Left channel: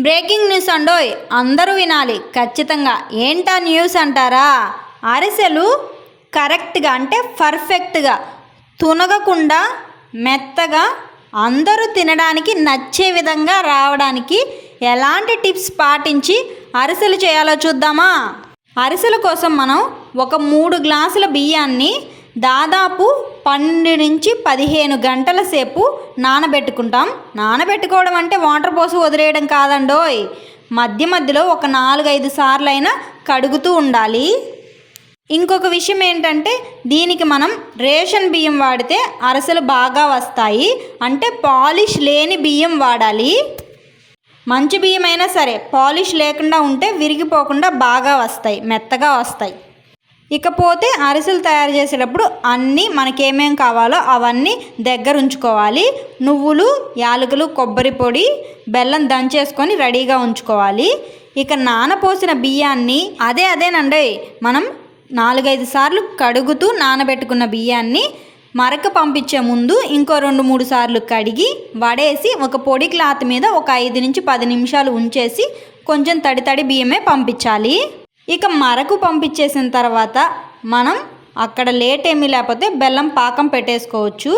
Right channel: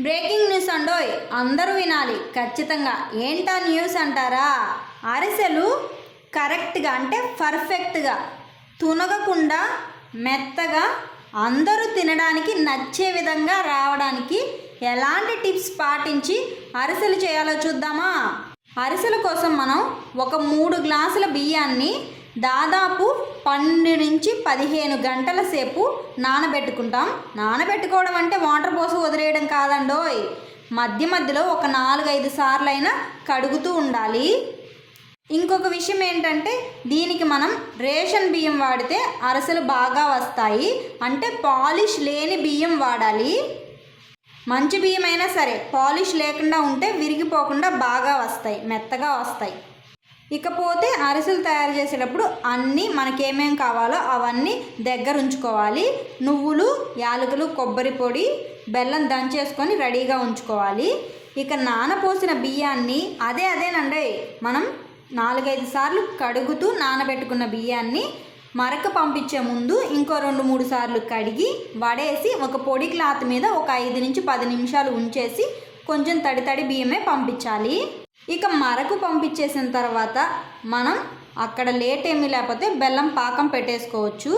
Breaking news అండోయ్ అందరూ వినాలి. ఖచ్చితంగా. ఏంటా న్యూస్ అంటారా? అరిసెలు కరెక్ట్గా అంటే పర్ఫెక్ట్గా తునగకుండా మెత్తగా అందరూ తినడానికి నచ్చే విధంగా రావడానికి ఎలాంటి టిప్స్ పాటించి అరిసెలు చేయాలో చూద్దామా? అరిసెల కోసం మనం ఒక మూడు గ్లాసుల బియ్యాన్ని దాదాపు పన్నెండు నుంచి పదిహేను గంటల సేపు నానబెట్టుకుంటాం. నానబెట్టుకోవడం అంటే వాటర్ పోసి వదిలేయడం కాదండోయ్. మధ్య మధ్యలో ఒక నాలుగైదు సార్లు అయినా కడుగుతూ ఉండాలి. ఇంకొక విషయం ఏంటంటే దీనికి మనం రేషన్ బియ్యం వాడితే అరసలు బాగా వస్తాయి. అంటే పాలిష్ లేని బియ్యం వాడాలి. మంచి బియ్యం అయినా సరే పాలిష్ లేకుండా ఉంటే విరిగిపోకుండా బాగా వస్తాయి మెత్తగా వస్తాయి. ఇకపోతే అరిసెలు తయారు చేసేటప్పుడు అన్నీ మనకేమేం కావాలో అవన్నీ దగ్గర ఉంచుకోవాలి నువ్వులు యాలకులు కొబ్బరి పొడి బెల్లం దంచేసుకొని రెడీగా ఉంచుకోవాలి. ఇక నానపోసిన బియ్యాన్ని అదే అదేనండి. మనం నాలుగైదు సార్లు కడుగుతూ నానబెట్టుకున్న బియ్యాన్ని మరక పంపించే ముందు ఇంకో రెండు మూడు సార్లు కడిగి వడేసి ఒక పొడి క్లాత్ మీద ఒక ఐదు నుంచి పది నిమిషాలు ఉంచేసి కొంచెం తడి తడి బియ్యమే పంపించాలి. ఇక మరకు పంపించేసిన తర్వాత మనం అక్కడ లేట్ ఏమీ లేకపోతే బెల్లం పాకం పెట్టేసుకోవచ్చు.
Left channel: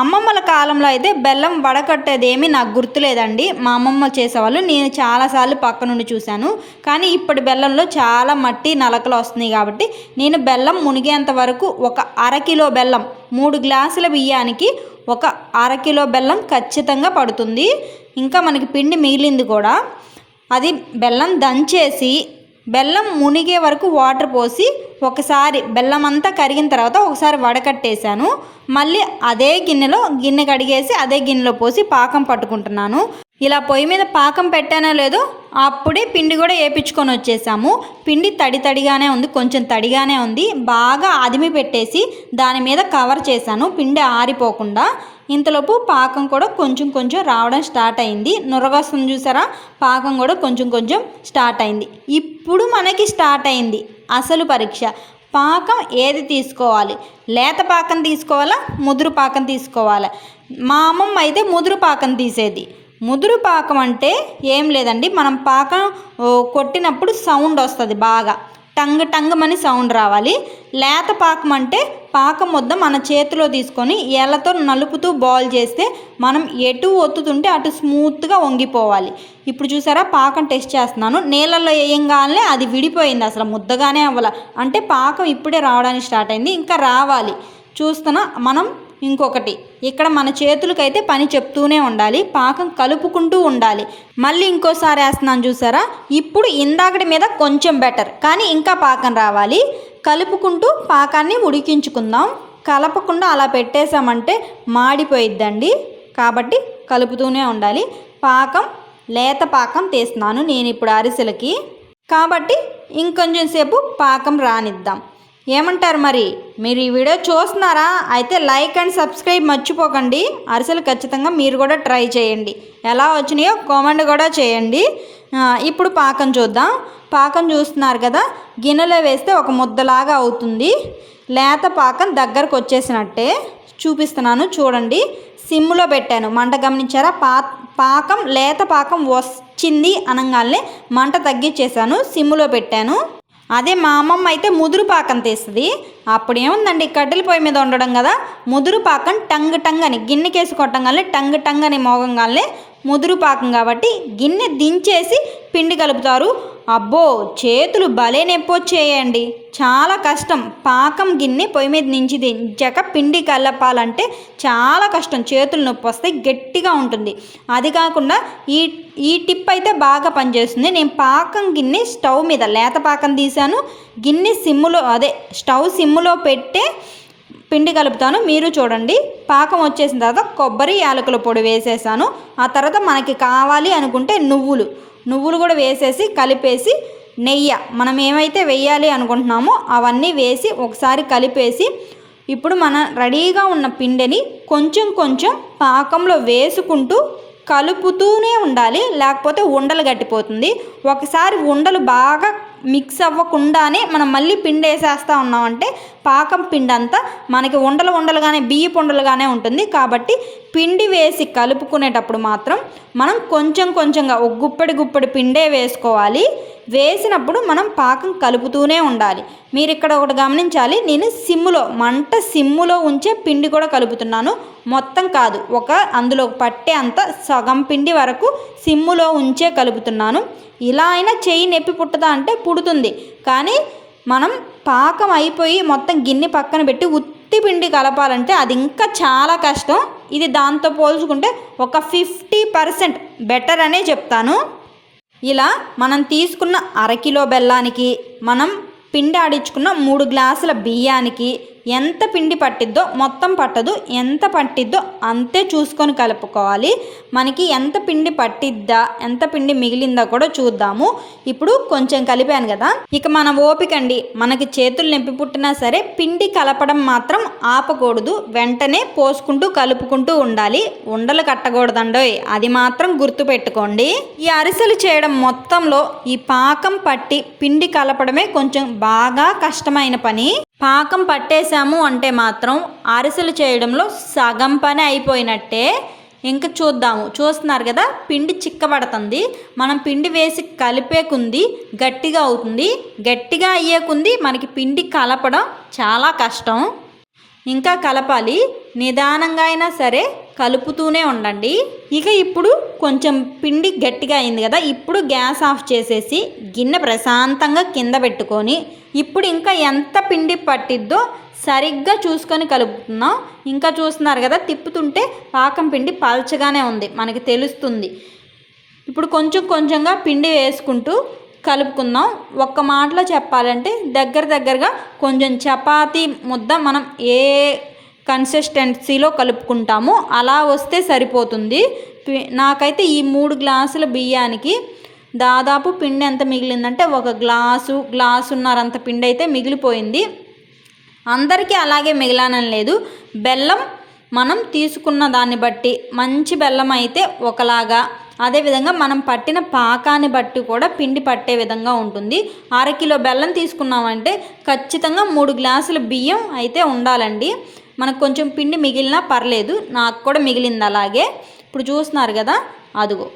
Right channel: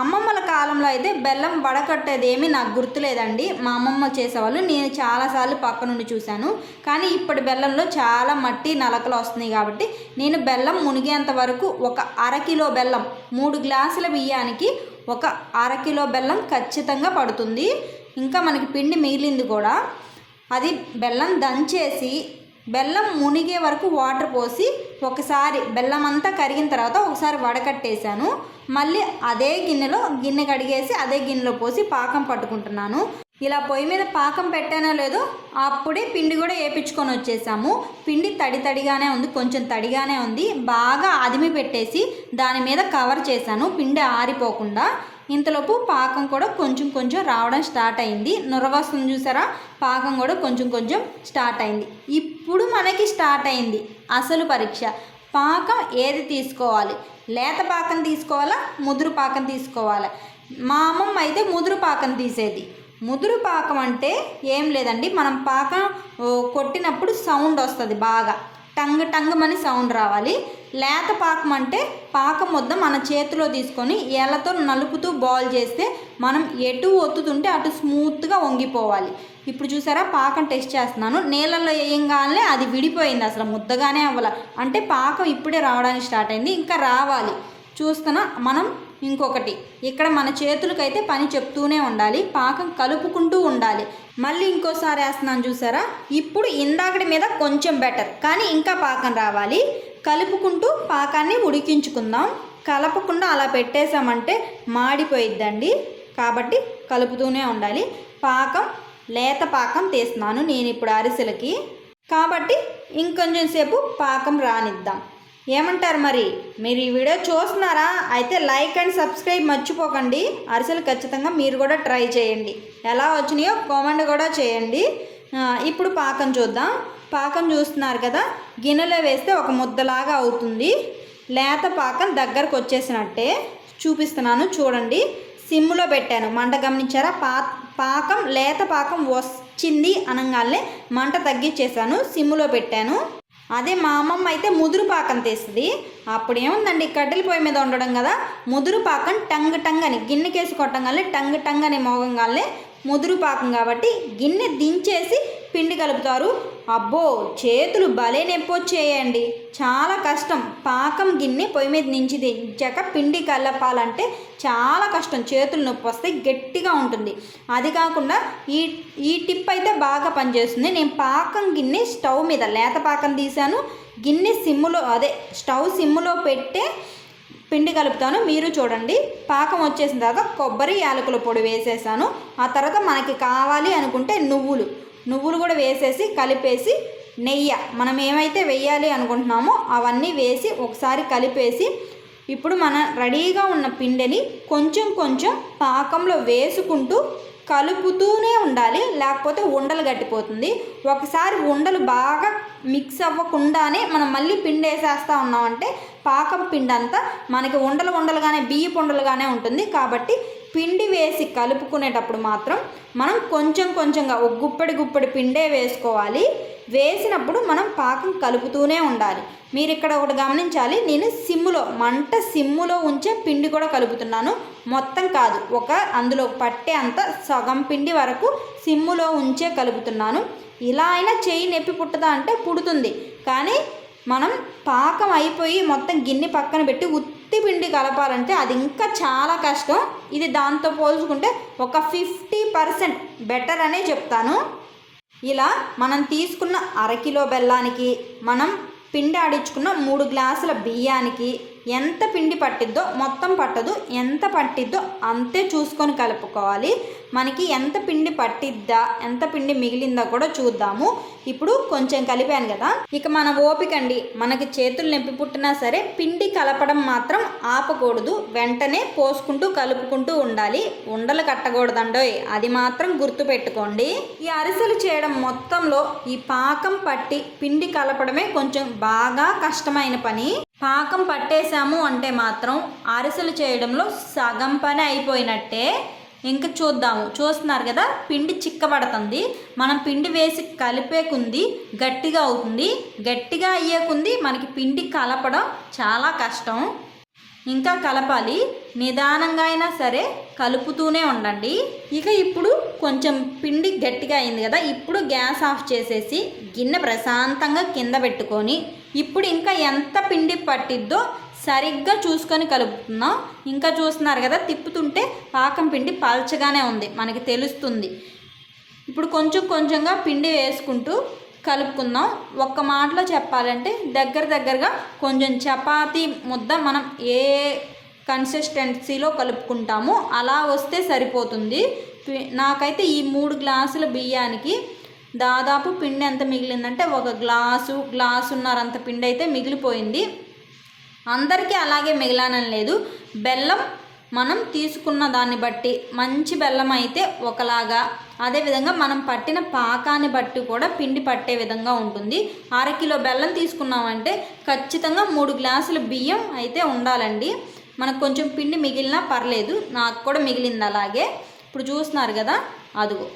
అమ్మమ్మల కాలంలో అయితే బెల్లం వడకట్టేది ఏమీ నాకు గుర్తులేదండి. మా అమ్మమ్మ చేసేవాళ్ళు. నేను చాలాసార్లు పక్క నుండి చూశాను. కానీ ఇప్పటి బెల్లంలో చాలా మట్టి నలకలు వస్తున్నాయి కాబట్టి నేను బెల్లం మునిగేంత వరకు ఒక అరకిలో బెల్లం మూడు గ్లాసుల బియ్యానికి ఒక అరకిలో బెల్లం ఖచ్చితంగా పడుతుంది. ఇంకా మనకి పిండి మిగిలింది కూడా. అది బెల్లం దంచేసి బెల్లం మునిగే వరకు వాటర్ పోసి ఒకసారి బెల్లం అంతా కరిగిన తర్వాత ఒకసారి వడకట్టేశాను. మళ్ళీ అదే గిన్నెలో గిన్నె కడిగేసి అదే గిన్నెలో పోసి పాకం పట్టుకుంటున్నాను. ఇలా పొయ్యి మీద పాకం పెట్టానో లేదో అప్పుడే పిండి కూడా వేపించుకొని వచ్చేసాము. పిండి తడి తడిగానే ఉంది కొంచెం తడిగానే ఉంది. బాగా అదిమి పెట్టేసి దాని మీద కవర్ చేశాను పిండి ఆరిపోకుండా. ఇంతలోపు పాకం కూడా కొంచెం కొంచెం రావడం స్టార్ట్ అయింది. నురగొస్తుంది చూసారా? పాకం కూడా కొంచెం కొంచెం స్టార్ట్ అయింది. ఇప్పుడు మనకి స్టార్ట్ అయింది అసలు పరీక్ష. పాకం ఏది తీసుకోవాలి? లేత పాకం తీసుకోవాలా? ముదురు పాకం తీసుకోవాలా? మా అమ్మమ్మ అయితే ముదురు పాకం తీసేది. ముదురు పాకం అంటే ఏం లేదండి. మనం పాకం కొట్టినప్పుడు సౌండ్ వస్తుంది బాగా. టంగ్ టంగమని సౌండ్ రావాలి. లేత పాకం అంటే పాకం ముద్ద మన చేతిలో తీసుకొని ఎలతో నలుపుతూ బాల్ చేస్తే మనం ఎటు ఒత్తుతుంటే అటు స్మూత్గా వంగిపోవాలి. ఇప్పుడు చూసారా పాకం టెస్ట్ చేస్తున్నాను. నీళ్ళల్లో వేయంగానే అది విడిపోయింది అసలు ముద్దగానే అవ్వాల. అంటే పాకం ఇప్పుడే రావడానికి స్టార్ట్ అయింది ఇంకా రావాలి. చూస్తున్నా మనం ఇంకొకటి ఇక్కడ మన చేతులకైతే పని చెప్తూనే ఉండాలి పాకం కలుపుకుంటూ ఉండాలి. మళ్ళీ ఇంకోసారి వేస్తున్నాను చూసారా? ఇప్పుడు ఇందాకటి మీద కొంచెం బెటర్ కానీ ఇంకా పాకం రావాలి. కలుపుకుంటూ పాకాన్ని ఉడికించుకుందాం. కలపకుండా అలా పెట్టేశామంటే మాడిపోయిద్దండి. కాబట్టి కలుపుతూనే ఉండాలి. పాకం లేత పాకం తీస్తున్నాను నేను ఇప్పుడు అరిసెలకి. కాబట్టి ఇంకొంచెం సేపు పాకం రానిద్దాం. ఏమంటారు మరి? మీరు ఈ వీడియో చూస్తున్నారా? అయితే లైక్ అండ్ సబ్స్క్రైబ్ మర్చిపోకండి. అరిసెలు ఖచ్చితంగా మీరు కూడా ట్రై చేయండి. ఎలా వచ్చినాయో కామెంట్ కూడా చేయండి. ఇప్పుడు పాకం చూద్దాం. పాకం చూస్తున్నారు కదా? గిన్నెలో వేస్తే ఒక ముద్దలాగా అవుతుంది. లేత పాకం దగ్గరకు వచ్చేసినట్టే చూపిస్తున్నాను చూడండి. సిమ్లో పెట్టాను. మంట గమనించారా? పా పాకం లేత పాకం వచ్చింది అనగానే మంట తగ్గించేశాను. సిమ్లో పెట్టాను. అదే మా అమ్మమ్మ అయితే ముదురు పాకం తీస్తుంది. అప్పుడు ఏముందండి కట్టెల పొయ్యి మీద ఉండడం కదా ముదురు పాకం టంగ్ టంగ్ అని గిన్నెకేసి కొట్టంగానే టంగ్ టంగ్ అని మోగంగానే ముదురు పాకం కాబట్టి గిన్నె దించేసి పిండి కలుపుతారు. అబ్బో చేతులు భలే నొప్పొచ్చేయండి. చాలా కష్టం. పాకం గిన్నె పొయ్యి మీద నుంచి దించాక పిండి కలపాలంటే చాలా కష్టం. చేతులు నొప్పి వస్తే గట్టిగా ఉంటుంది. అది కాకుండా ఈ ఈ టిప్ అయితే బాగా పనిచేస్తుంది. నేను పాకం గిన్నె స్టవ్ మీద లేత పాకం తీశాను. గిన్నె సిమ్ములో అదే స్టవ్ సిమ్ములో పెట్టే పిండి కలుపుతాను. మీరు చూడండి. పాకం వచ్చేసిన తర్వాత కొబ్బరి యాలకుల పొడి వేసేసాను. ఆ తర్వాత మనకి కావాలి అనుకుంటే నువ్వులు. నువ్వులు కూడా వేసేసి కలిపేసి నెయ్యి. మనం ఏమైతే వేయాలి అనుకుంటున్నామో అవన్నీ వేసి ఒకసారి కలిపేసి ఇప్పుడు మన రెడీగా ఉన్న పిండిని కొంచెం కొంచెం పాకంలో వేసుకుంటూ కలుపుతూనే ఉండాలి. లేకపోతే ఉండలు గట్టిపోతుంది. ఒకసారి ఉండలు బాగా మిక్స్ అవ్వకుండానే మనం మళ్ళీ పిండి వేసేస్తూ ఉన్నామంటే పాకం పిండి అంతా మనకి ఉండలు ఉండలుగానే బియ్యపు ఉండలుగానే ఉంటుంది. కాబట్టి పిండి వేసి కలుపుకునేటప్పుడు మాత్రం మనం కొంచెం కొంచెంగా ఒక గుప్పడి గుప్పడి పిండే వేసుకోవాలి. వేసినప్పుడు మనం పాకం కలుపుతూనే ఉండాలి. మీరు ఇక్కడ ఒకటి గమనించాలి నేను సిమ్ములో మంట సిమ్ములో ఉంచే పిండి కూడా కలుపుతున్నాను. మొత్తం కాదు ఒక అందులో పట్టే అంత సగం పిండి వరకు సిమ్ములో ఉంచే కలుపుతున్నాను. ఇలా అయినా చెయ్యి నొప్పి పుట్టదా అంటే పుడుతుంది. కానీ మనం పాకం అయిపోయి మొత్తం గిన్నె పక్కన పెట్టి ఉత్తి పిండి కలపాలంటే అది ఇంకా చాలా కష్టం. ఇది దాంతో పోల్చుకుంటే ఒక ఫిఫ్టీ పర్సెంట్ బెటర్ అనే చెప్తాను. ఇలా మనం తీసుకున్న అరకిలో బెల్లానికి మనం పిండి ఆడించుకున్న మూడు గ్లాసుల బియ్యానికి ఎంత పిండి పట్టిద్దో మొత్తం పట్టదు. ఎంత పట్టిద్దో అంతే చూసుకొని కలుపుకోవాలి. మనకి ఎంత పిండి పట్టిద్దా ఎంత పిండి మిగిలిందా కూడా చూద్దాము. ఇప్పుడు కొంచెం కలిపాను కదా. ఇక మన ఓపిక అండి. మనకి చేతులు నొప్పి పుట్టినా సరే పిండి కలపడం మాత్రం ఆపకూడదు. వెంటనే పోసుకుంటూ కలుపుకుంటూ ఉండాలి. ఉండలు కట్టకూడదండోయ్ అది మాత్రం గుర్తుపెట్టుకోండి. ఈ అరిసెలు చేయడం మొత్తంలో ఈ పాకం పట్టి పిండి కలపడమే కొంచెం బాగా కష్టమైన పని. పాకం పట్టేశాము అంటే మాత్రం అరిసెలు చేయడంలో సగం పని అయిపోయినట్టే. ఇంకా చూద్దాము. చూస్తున్నారు కదా పిండి చిక్కబడుతుంది. మనం పిండి వేసి కలిపేకుంది గట్టిగా అవుతుంది. గట్టిగా అయ్యేకుంది మనకి పిండి కలపడం చాలా కష్టం. ఇంకా కలపాలి. నిదానంగా అయినా సరే కలుపుతూనే ఉండండి. ఇక ఇప్పుడు కొంచెం పిండి గట్టిగా అయింది కదా ఇప్పుడు గ్యాస్ ఆఫ్ చేసేసి గిన్నె ప్రశాంతంగా కింద పెట్టుకొని ఇప్పుడు ఇంకా ఎంత పిండి పట్టిద్దో సరిగ్గా చూసుకొని కలుపుతున్నాం. ఇంకా చూస్తున్నారు కదా తిప్పుతుంటే పాకం పిండి పల్చగానే ఉంది మనకి తెలుస్తుంది. ఇప్పుడు కొంచెం కొంచెంగా పిండి వేసుకుంటూ కలుపుకుందాం. ఒక్క మాటలో చెప్పాలంటే దగ్గర దగ్గరగా కొంచెం చపాతీ ముద్ద మనం ఏ కన్సిస్టెన్సీలో కలుపుకుంటామో అలా వస్తే సరిపోతుంది. నాకైతే ఈ మూడు గ్లాసుల బియ్యానికి దాదాపు పిండి ఎంత మిగిలిందంటే ఒక గ్లాసు గ్లాసున్నరంత పిండి అయితే మిగిలిపోయింది. అందరికీ అలాగే మిగిలానని లేదు. బెల్లం మనం తీసుకున్న దాన్ని బట్టి మంచి బెల్లం అయితే ఒకలాగా అదేవిధంగా మనం పట్టిన పాకాన్ని బట్టి కూడా పిండి పట్టే విధంగా ఉంటుంది. అరకిలో బెల్లం తీసుకున్నామంటే ఖచ్చితంగా మూడు గ్లాసుల బియ్యం అయితే ఉండాలండి. మనకు కొంచెం పిండి మిగిలినా పర్లేదు నాకు కూడా మిగిలింది అలాగే. ఇప్పుడు చూస్తున్నారు కదా అదుగో.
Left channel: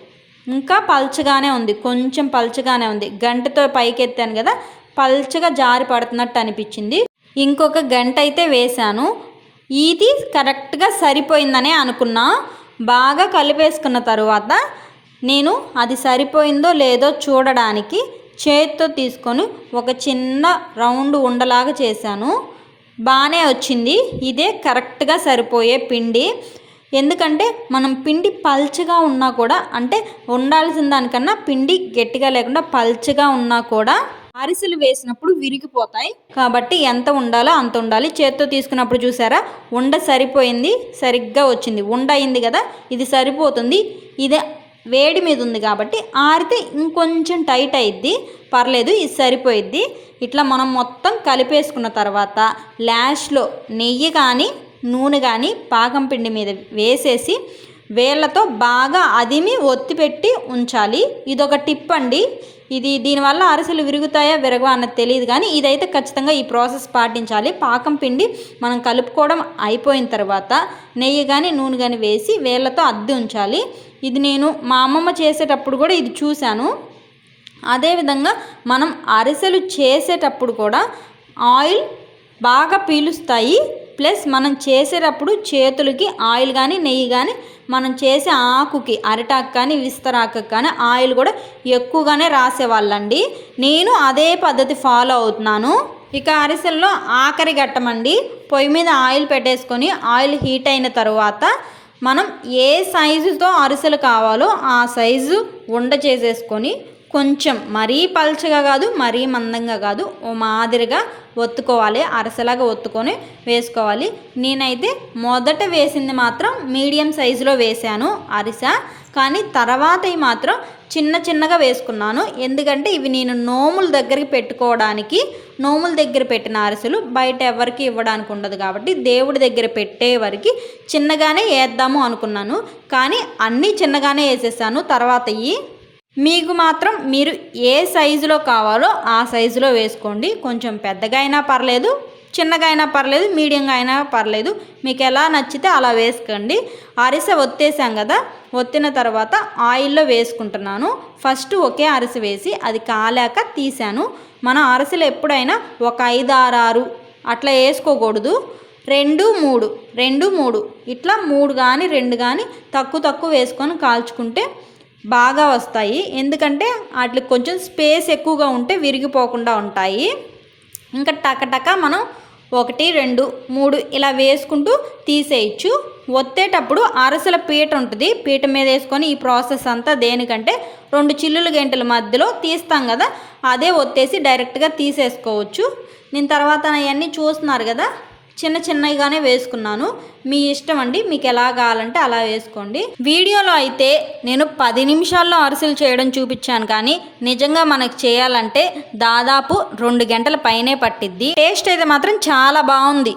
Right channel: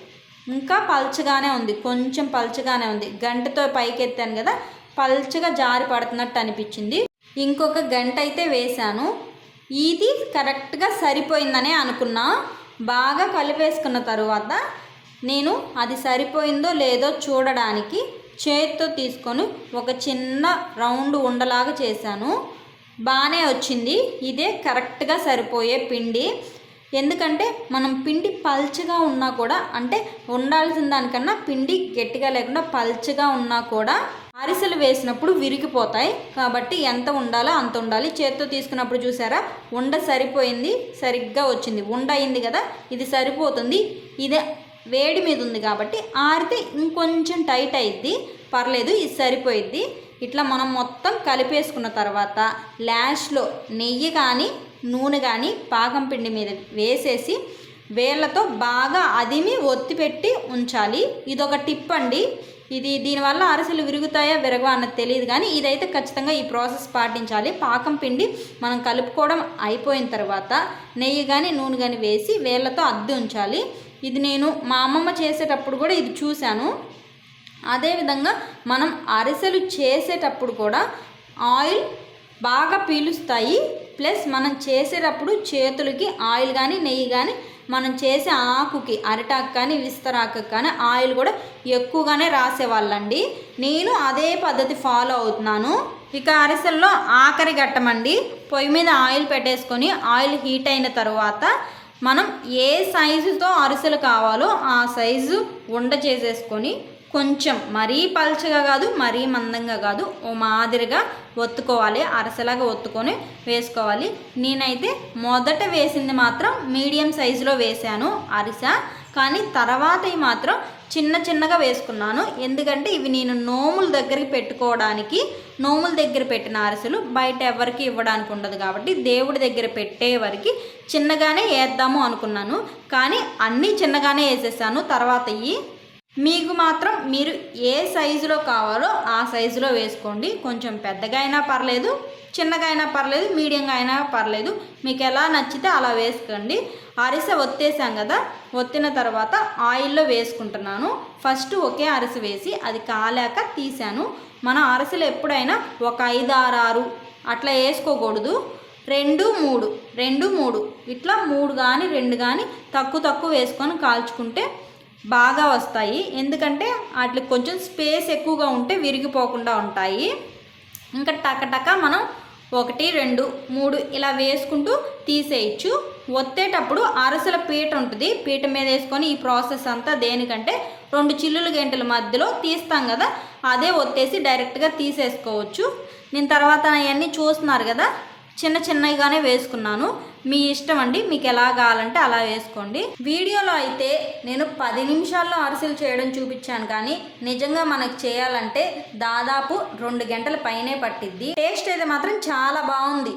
ఇంకా పల్చగానే ఉంది కొంచెం పల్చగానే ఉంది. గంటతో పైకెత్తాను కదా పల్చగా జారి పడుతున్నట్టు అనిపించింది. ఇంకొక గంట అయితే వేశాను. ఇది కరెక్ట్గా సరిపోయిందనే అనుకున్నా. బాగా కలిపేసుకున్న తరువాత నేను అది సరిపోయిందో లేదో చూడడానికి చేతితో తీసుకొని ఒక చిన్న రౌండ్ ఉండలాగా చేశాను. బాగానే వచ్చింది. ఇదే కరెక్ట్గా సరిపోయే పిండి. ఎందుకంటే మనం పిండి పల్చగా ఉన్నా కూడా అంటే ఉండాల్సిన దానికన్నా పిండి గట్టిగా లేకుండా పల్చగా ఉన్నా కూడా అరిసెలు వేసినప్పుడు విరిగిపోతాయి. కాబట్టి ఎంత ఉండాలో అంత ఉండాలి. చేత్తో తీసుకున్నప్పుడు చూసారా? ఉండ సరిపోయింది. సరిగ్గా వచ్చింది. ఉండ అయింది కదా? ఇది సరిపోతుంది. ఇదే వేడి మీద ఉంది కాబట్టి ఆరితే ఇంకొంచెం టైట్ అయిద్ది. పర్లేదు ఇది సరిపోయిద్ది. ఇట్లా మనం మొత్తం కలిపేసుకున్న తర్వాత లాస్ట్లో నెయ్యి కానీ నూనె కానీ పాకం పిండి మీద వేసేసి వేళ్ళతో బాగా అదిమి ఒత్తిపెట్టి ఉంచాలి. ఇదొక టిప్ అండి. ఇది దీనివల్ల అరిసెలు విరుగుతాయా విరగవా అన్నది తెలియదు కానీ ఇదైతే ఖచ్చితంగా ఈ ప్రాసెస్ పాటించాలి. పాకం పిండి మనం కలుపుకోవడం అయిపోయిన తర్వాత నెయ్యి కానీ నూనె కానీ వేసి వేళ్ళతో అద్ది ఉంచాలి. ఇది నేను మా అమ్మమ్మ చేసేటప్పుడు కూడా ఇది చూశాను. అదేవిధంగా మనం అరిసెలు చేసేటప్పుడు కూడా ఆయిల్ బాగా పీలుస్తాయి. ప్లస్ మనం చేసేటప్పుడు చేతులకి ఆయిల్ కానీ నెయ్యి కానీ మనం చేసే ఆకుకి అరిటాకు కానీ విస్తరాకు కానీ ఆయిల్ కూడా ఎక్కువగానే రాసేవాళ్ళండి. నేను అదే పద్ధతి ఫాలో అవుతున్నాను. ఇక అరిసెల్లో ఆఖరి ఘట్టమండి. పొయ్యి మీద ఆయిల్ పెట్టేసుకొని ఆయిల్ హీట్ అయిన తర్వాత మనం ఏ సైజుతో అరిసెలు కావాలో ఆ సైజు ఉండ చేసేసుకొని కొంచెం మరీ పల్చగా కాదు మరీ మందంగా కాదు ఓ మాదిరిగా ఒత్తుకోవాలి అరసలాగా ఒత్తుకొని వేసుకోవాలి. నేనైతే మొదట వేసింది మాత్రం మీడియం సైజులో వేశాను అరిసె కానీ తర్వాత మాత్రం చిన్న చిన్నగా వేసుకున్నాను. ఎందుకంటే ఇవి నేను నోముల దగ్గరికి పెట్టుకోవడానికి నోముల దగ్గర పెట్టిన అరిసెలు బయట ఎవరికి ఇవ్వడానికి ఉండదు కాబట్టి దేవుడి దగ్గర పెట్టే వరకు చిన్నగానే వేద్దాము అనుకున్నాను. కానీ అన్నీ చిన్నగానే వేసేసాను. తర్వాత ఇవి మీకు మాత్రం మీరు ఏ సైజులో కావాలో ఆ సైజులో వేసుకోండి. కొంచెం పెద్దగా అయినా పర్లేదు చిన్నగా అయినా పర్లేదు మీడియంగా అయినా పర్లేదు. మీకు ఎలా నచ్చితే అలా వేసుకోండి. అరిసె ఒత్తేసాం కదా ఒత్తిన తర్వాత ఆయిల్లో వేసుకుంటున్నాను. ఫస్ట్ ఒకే అరిసె వేసి అది కాలాక తీసాను. మన అరిసెలు ఎప్పుడైనా ఒక ఐదు ఆరు ఆరు అట్లా వేసుకోకూడదు. రెండు మూడు రెండు మూడు. ఇట్లా మూడు కానీ రెండు కానీ తక్కువ తక్కువ వేసుకొని కాల్చుకుంటే బాగా వస్తాయి. ఎందుకంటే వాటికి కొంచెం స్పేస్ ఎక్కువగా ఉంటే విరిగిపోకుండా ఉంటాయి. ఇంకా టకటక మనం ఒకటి రెండు మూడు ఇలా వేసుకుంటూ తీసేయచ్చు. ఒత్తేటప్పుడు అరసల పీట ఉంటుంది. పీట మీద వేసుకొని ఈ ప్రాసెస్ అంతా దేనికంటే రెండు చిల్లుల గంటల మధ్యలో తీస్తాం కదా అదే ఒత్తేసి డైరెక్ట్గా తీసేసుకోవచ్చు. నేను తర్వాత అవన్నీ చూస్తున్నారు కదా చిన్న చిన్నగానే వేసుకున్నాను. మీ ఇష్టం అండి మీకు ఎలా కావాలంటే అలా వేసుకోండి. వీడియోలో అయితే నేను పది నిమిషాల్లో అరిసెలు చేయడం చూపించాను కానీ నిజంగా మనకు చేయాలంటే దాదాపు రెండు గంటల పైనే పట్టిద్ది. టేస్ట్ అయితే మాత్రం చాలా బాగుంది.